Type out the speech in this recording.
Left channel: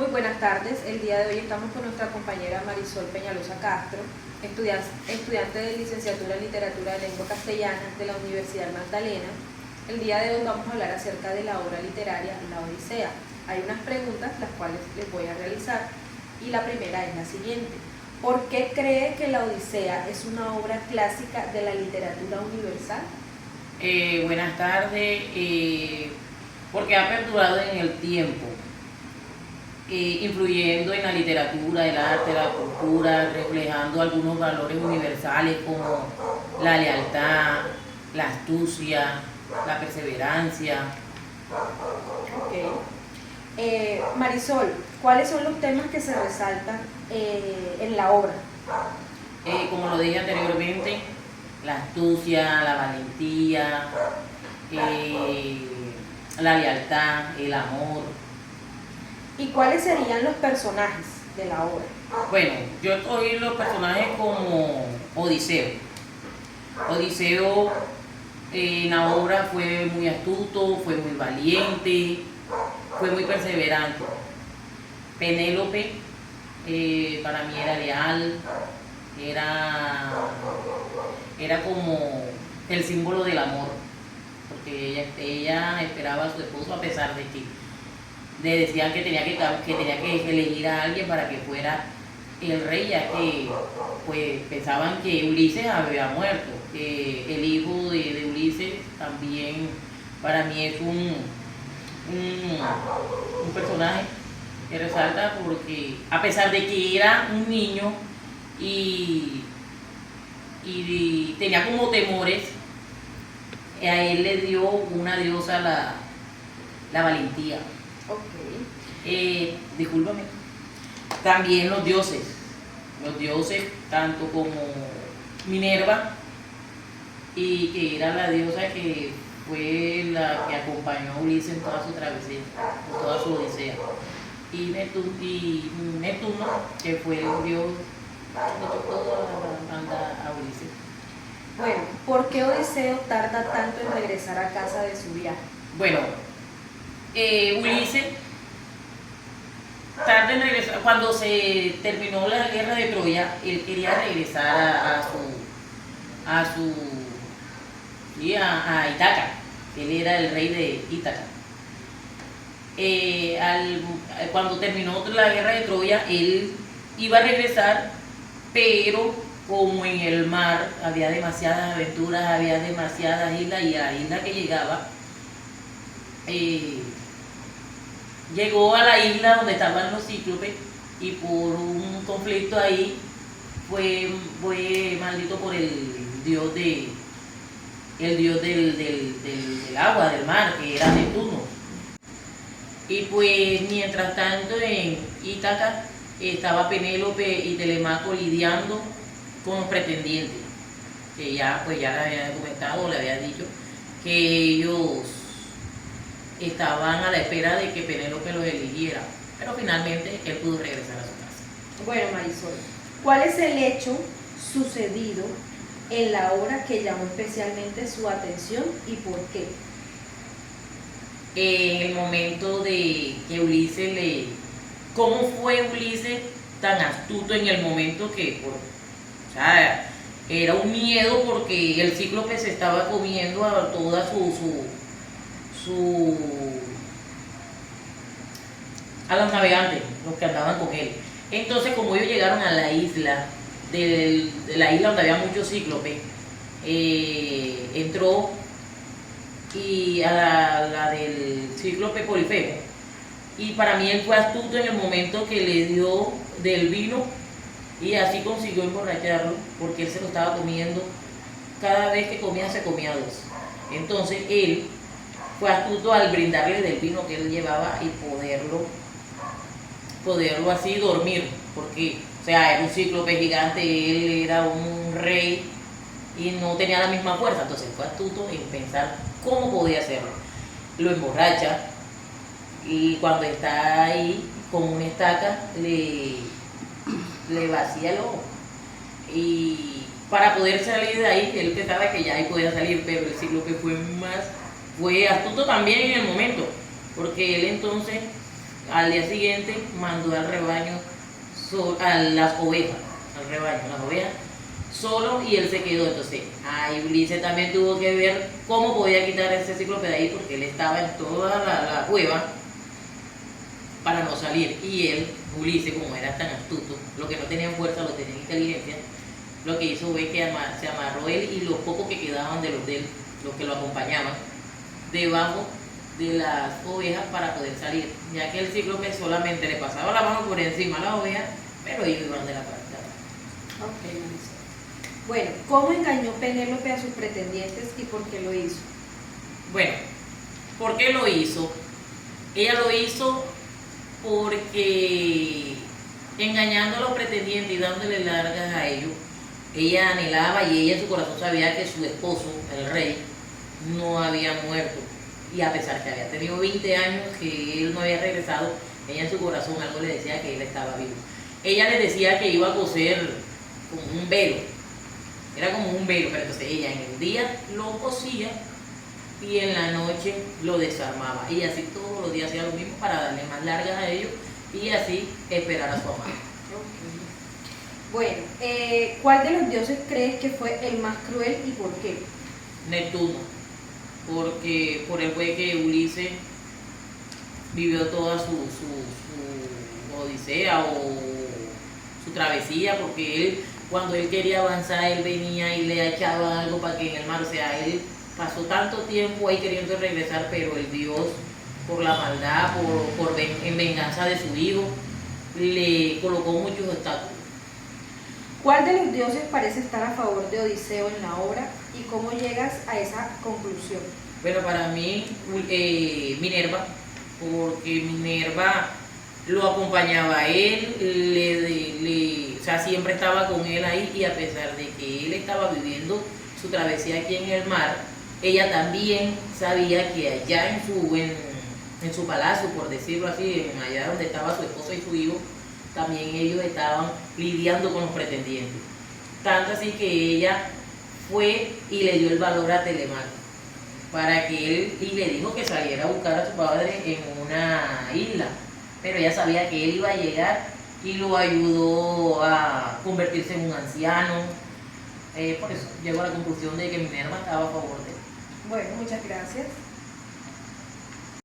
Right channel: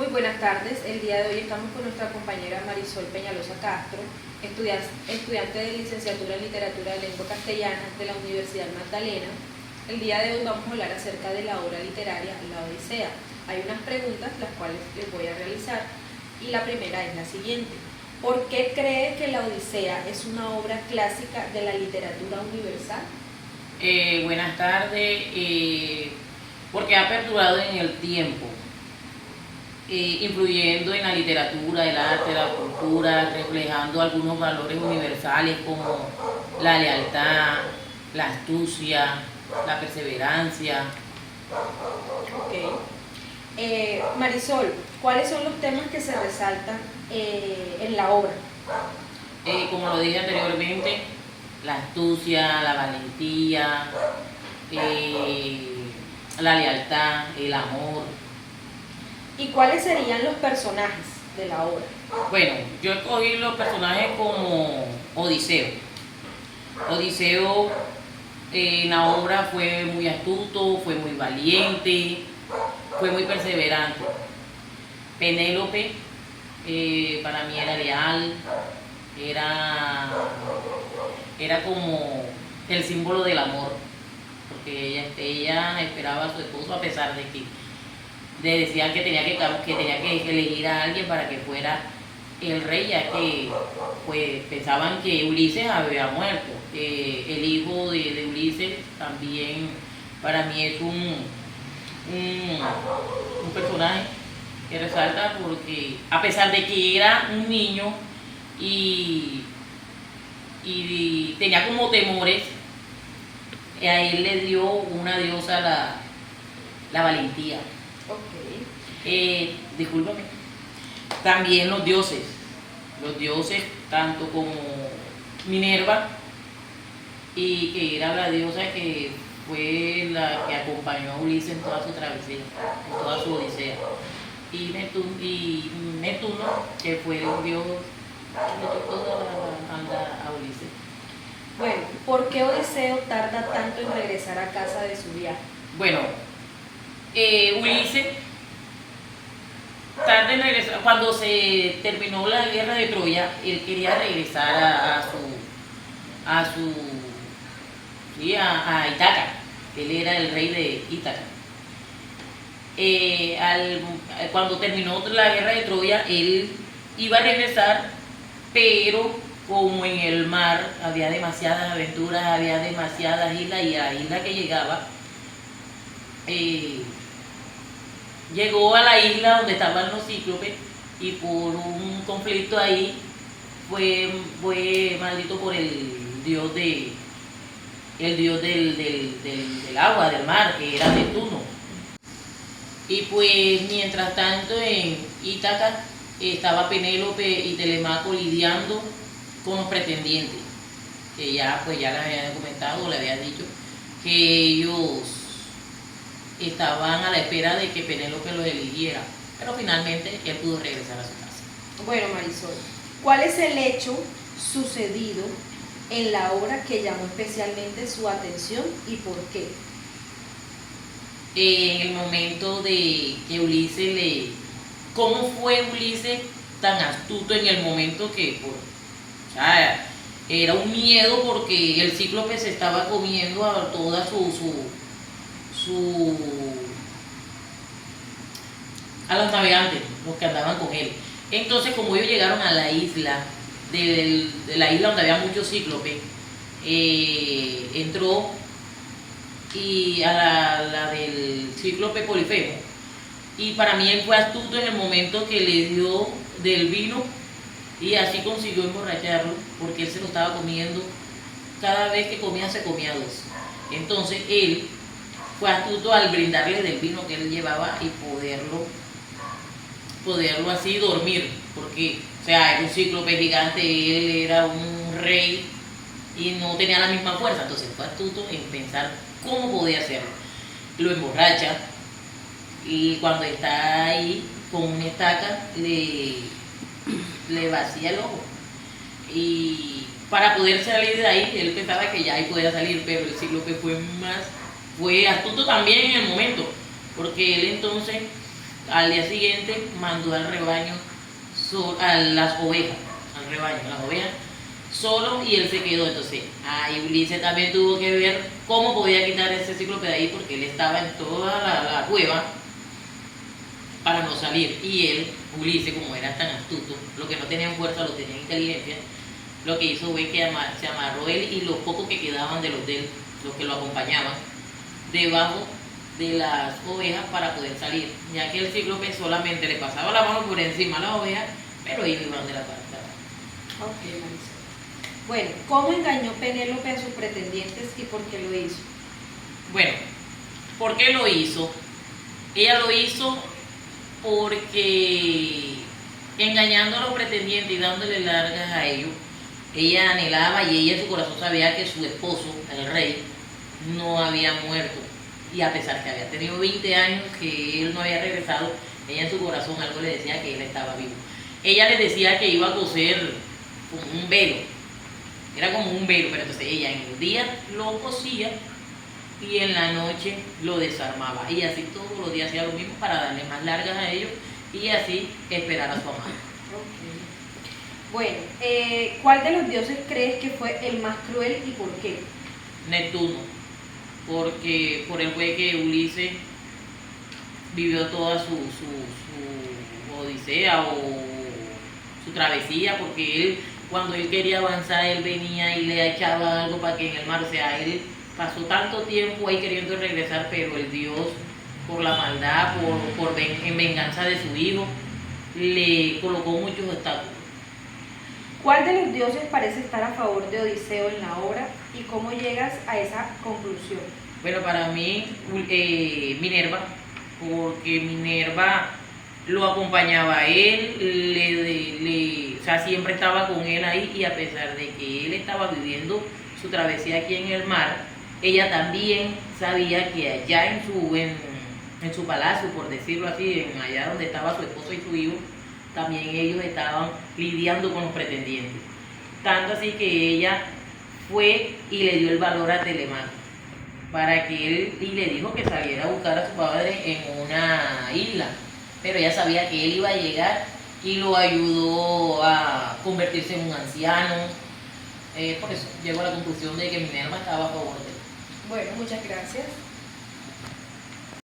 Muy buenas tardes. El día de hoy estamos con nuestra compañera Marisol Peñalosa Castro, estudiante de licenciatura en Literatura de Lengua Castellana de la Universidad Magdalena. El día de hoy vamos a hablar acerca de la obra literaria La Odisea. Hay unas preguntas las cuales les voy a realizar y la primera es la siguiente. ¿Por qué cree que La Odisea es una obra clásica de la literatura universal? Buenas tardes, porque ha perdurado en el tiempo, influyendo en la literatura, el arte, la cultura, reflejando algunos valores universales como la lealtad, la astucia, la perseverancia. Ok. Marisol, ¿cuáles son los temas que se resaltan en la obra? Como lo dije anteriormente, la astucia, la valentía, la lealtad, el amor. ¿Y cuáles serían los personajes de la obra? Bueno, yo escogí los personajes como Odiseo. Odiseo en la obra fue muy astuto, fue muy valiente, fue muy perseverante. Penélope para mí era leal, era como el símbolo del amor, porque ella esperaba a su esposo a pesar de que le decían que tenía que elegir a alguien para que fuera el rey, ya que pues pensaban que Ulises había muerto. El hijo de Ulises también para mí es un personaje que resalta porque a pesar de que era un niño y tenía como temores, a él le dio una diosa la valentía. Ok. Discúlpame. También los dioses, tanto como Minerva, y que era la diosa que fue la que acompañó a Ulises en toda su travesía, en toda su odisea. Y Neptuno, que fue el dios que le echó toda la banda a Ulises. Bueno, ¿por qué Odiseo tarda tanto en regresar a casa de su viaje? Bueno, Ulises tarde en regresar, cuando se terminó la guerra de Troya, él quería regresar a Ítaca. Él era el rey de Ítaca. Cuando terminó la guerra de Troya, él iba a regresar, pero como en el mar había demasiadas aventuras, había demasiadas islas, y a la isla que llegaba, llegó a la isla donde estaban los cíclopes, y por un conflicto ahí fue maldito por el dios del agua, del mar, que era Neptuno. Y pues mientras tanto en Ítaca estaba Penélope y Telemaco lidiando con los pretendientes, que ya les había comentado, le había dicho que ellos estaban a la espera de que Penélope los eligiera, pero finalmente él pudo regresar a su casa. Bueno, Marisol, ¿cuál es el hecho sucedido en la obra que llamó especialmente su atención y por qué? En el momento de que Ulises ¿cómo fue Ulises tan astuto en el momento que, o sea, era un miedo porque el cíclope se estaba comiendo a toda a los navegantes, los que andaban con él. Entonces, como ellos llegaron a la isla, de la isla donde había muchos cíclopes, entró y a la del cíclope Polifemo, y para mí él fue astuto en el momento que le dio del vino y así consiguió emborracharlo, porque él se lo estaba comiendo. Cada vez que comía se comía dos. Entonces él fue astuto al brindarle del vino que él llevaba y poderlo así dormir, porque, o sea, era un cíclope gigante, él era un rey y no tenía la misma fuerza. Entonces fue astuto en pensar cómo podía hacerlo. Lo emborracha y cuando está ahí con una estaca le vacía el ojo, y para poder salir de ahí, él pensaba que ya ahí podía salir, pero el cíclope fue astuto también en el momento, porque él entonces Al día siguiente mandó al rebaño, a las ovejas, al rebaño, las ovejas, solo, y él se quedó. Entonces, ahí Ulises también tuvo que ver cómo podía quitar ese cíclope de ahí, porque él estaba en toda la cueva para no salir. Y él, Ulises, como era tan astuto, lo que no tenía fuerza, lo tenía en inteligencia, lo que hizo fue que se amarró él y los pocos que quedaban de él, los que lo acompañaban, debajo de las ovejas para poder salir, ya que el cíclope solamente le pasaba la mano por encima a las ovejas, pero ellos iban de la parte de abajo. Ok, Marisol. Bueno, ¿cómo engañó Penélope a sus pretendientes y por qué lo hizo? Bueno, ¿por qué lo hizo? Ella lo hizo porque engañando a los pretendientes y dándole largas a ellos, ella anhelaba y ella en su corazón sabía que su esposo, el rey, no había muerto. Y a pesar que había tenido 20 años que él no había regresado, ella en su corazón algo le decía que él estaba vivo. Ella le decía que iba a coser como un velo, era como un velo, pero entonces ella en el día lo cosía y en la noche lo desarmaba. Y así todos los días hacía lo mismo para darle más largas a ellos y así esperar a su amado. Okay. Bueno, ¿cuál de los dioses crees que fue el más cruel y por qué? Neptuno, porque por él fue que Ulises vivió toda su odisea o su travesía, porque él, cuando él quería avanzar, él venía y le echaba algo para que en el mar, o sea, él pasó tanto tiempo ahí queriendo regresar, pero el Dios, por la maldad, en venganza de su hijo, le colocó muchos obstáculos. ¿Cuál de los dioses parece estar a favor de Odiseo en la obra y cómo llegas a esa conclusión? Bueno, para mí, Minerva, porque Minerva lo acompañaba a él, o sea, siempre estaba con él ahí, y a pesar de que él estaba viviendo su travesía aquí en el mar, ella también sabía que allá en su palacio, por decirlo así, allá donde estaba su esposo y su hijo, también ellos estaban lidiando con los pretendientes. Tanto así que ella fue y le dio el valor a Telemaco para que él, y le dijo que saliera a buscar a su padre en una isla, pero ella sabía que él iba a llegar y lo ayudó a convertirse en un anciano. Por eso llegó a la conclusión de que Minerva estaba a favor de él. Bueno, muchas gracias.